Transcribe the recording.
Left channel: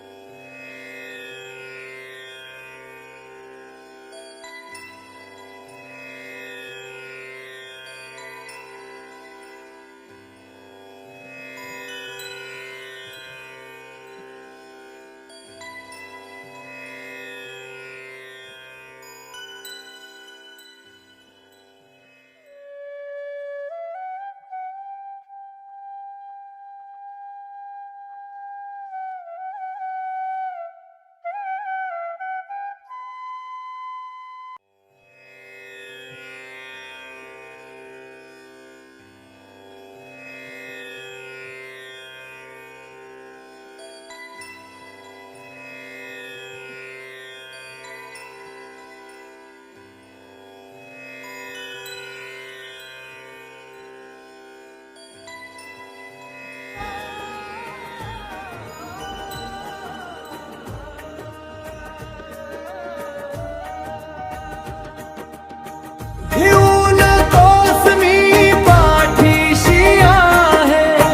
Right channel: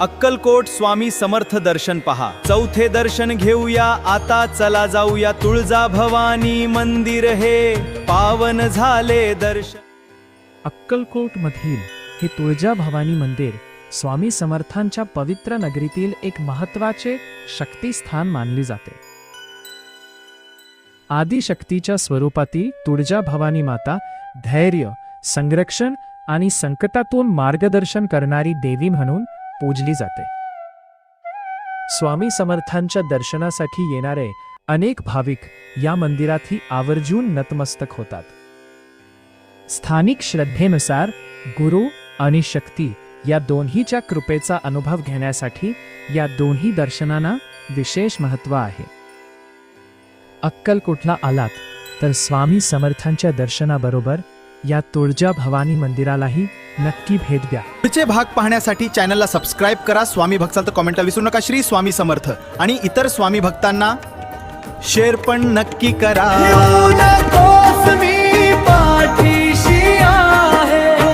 अक्कलकोट स्वामी समर्थ दर्शन पहा। चौथे दर्शन घेऊया आता, चला जाऊया तुळजा भवानी मंदिर हे पावन झाले दर्शन। अक्कलकोट मधील हे तुळजा भवानी मंदिर स्वामी समर्थांच्या पवित्र नगरीतील एक महत्त्वाचे शक्तिस्थान मानले जाते। आदिशक्तीच्या स्वरूपातील तुळजा भवानी माता धैर्य, संरक्षण आणि संकटातून मार्गदर्शन करणारी देवी म्हणून पूजली जाते। स्वामी समर्थांच्या दर्शनासाठी येणारे अनेक भाविक या मंदिरातही आवर्जून नतमस्तक होतात। स्थानिक श्रद्धेनुसार गुरु आणि शक्ती या दोन्हीच्या कृपेचा अनुभव घेण्यासाठी या दोन्ही दर्शनांना विशेष महत्त्व आहे। अक्कलकोटला आलात तर स्वामी समर्थांच्या दर्शनाबरोबर या तुळजा भवानी मंदिरालाही नक्की भेट द्या। पुढचे भाग पाहण्यासाठी चॅनलला सबस्क्राईब करा। स्वामी भक्ताल तर कमेंटला विसरू नका। श्री स्वामी समर्थ आणि इतर स्वामी भक्तांना शेअर पण नक्की करा। घेऊन तोच मी पाठीशी आहे।